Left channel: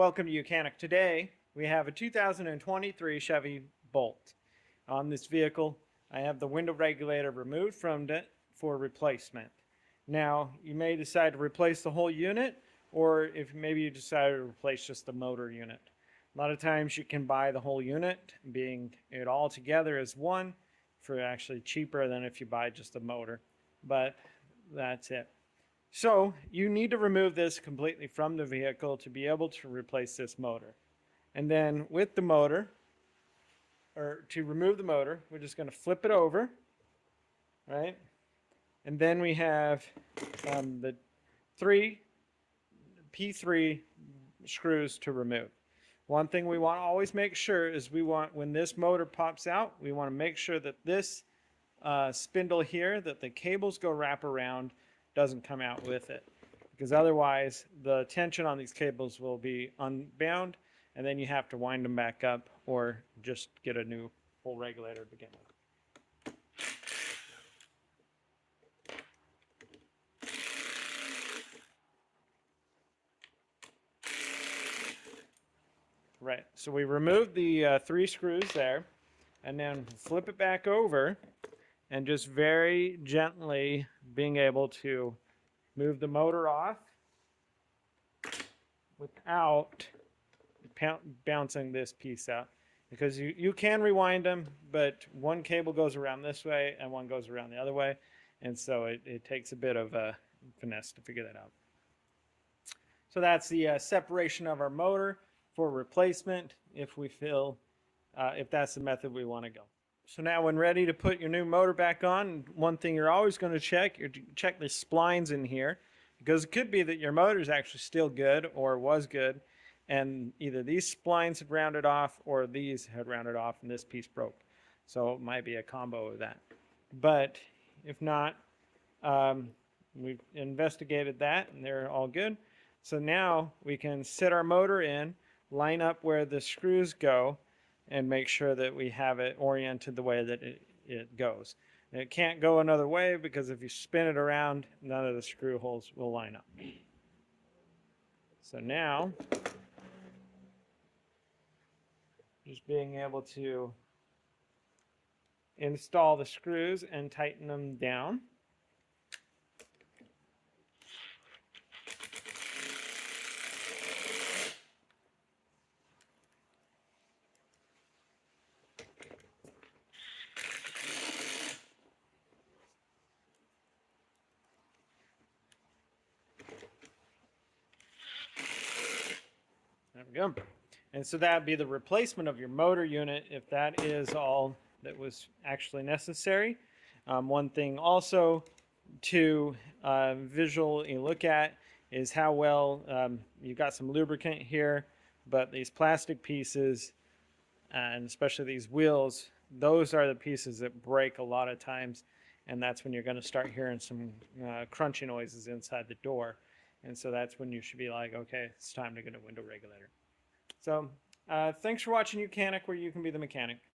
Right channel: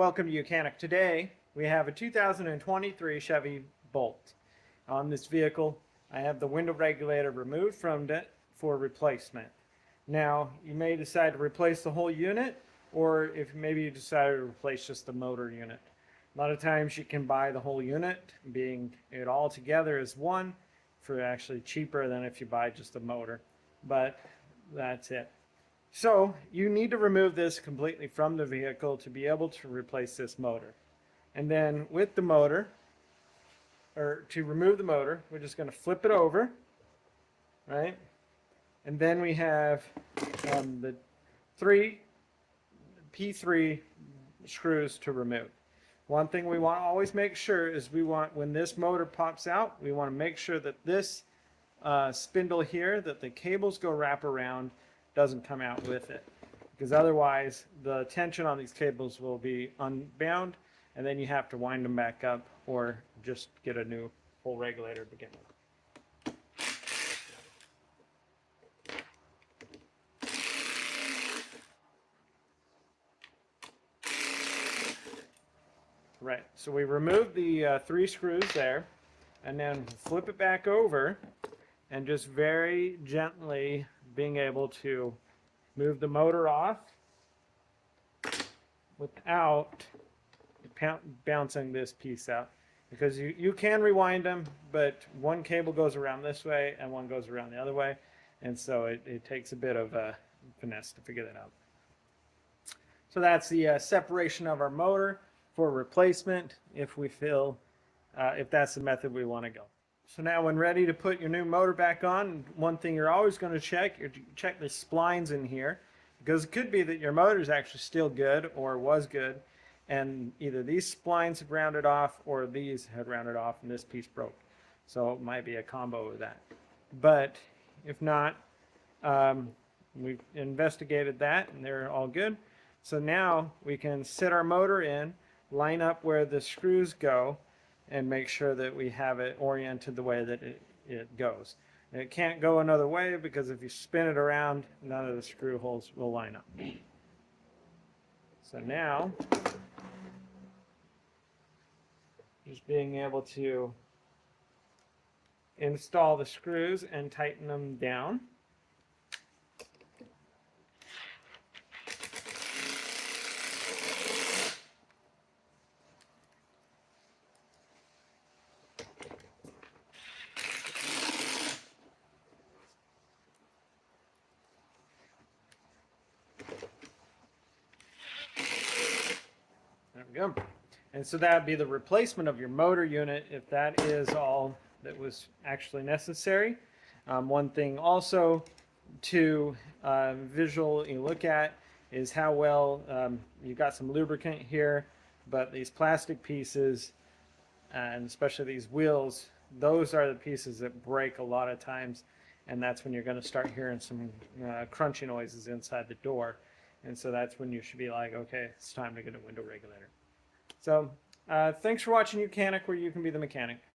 Welcome to Mechanic. Today we have a 2023 Chevy Bolt. On this vehicle I have the window regulator removed from it for replacement. Now you may decide to replace the whole unit, or if maybe you decide to replace just the motor unit. A lot of times you can buy the whole unit, being it all together as one, for actually cheaper than if you buy just the motor, but that's it. So you need to remove this completely from the vehicle to be able to replace this motor. And then with the motor, or to remove the motor, we're just going to flip it over, right? And then we have the three P3 screws to remove. One thing we want to always make sure is when this motor pops out, we want to make sure that this spindle here, that the cables go wrap around, doesn't come out with it, because otherwise the tension on these cables will be unbound, and then you have to wind them back up or just get a new full regulator to begin with. Right, so we removed the three screws there, and then flip it back over, and just very gently being able to move the motor off without bouncing this piece out. Because you can rewind them, but one cable goes around this way and one goes around the other way, and so it takes a bit of a finesse to figure that out. So that's the separation of our motor for replacement if we feel, if that's the method we want to go. So now when ready to put your new motor back on, one thing you're always going to check the splines in here, because it could be that your motor is actually still good or was good, and either these splines had rounded off or these had rounded off and this piece broke. So it might be a combo of that. But if not, we've investigated that and they're all good. So now we can sit our motor in, line up where the screws go, and make sure that we have it oriented the way that it goes. And it can't go another way, because if you spin it around, none of the screw holes will line up. So now, just being able to install the screws and tighten them down. There we go. And so that would be the replacement of your motor unit, if that is all that was actually necessary. One thing also to visually look at is how well you've got some lubricant here, but these plastic pieces, and especially these wheels, those are the pieces that break a lot of times, and that's when you're going to start hearing some crunchy noises inside the door. And so that's when you should be like, okay, it's time to get a window regulator. So thanks for watching Mechanic, where you can be the mechanic.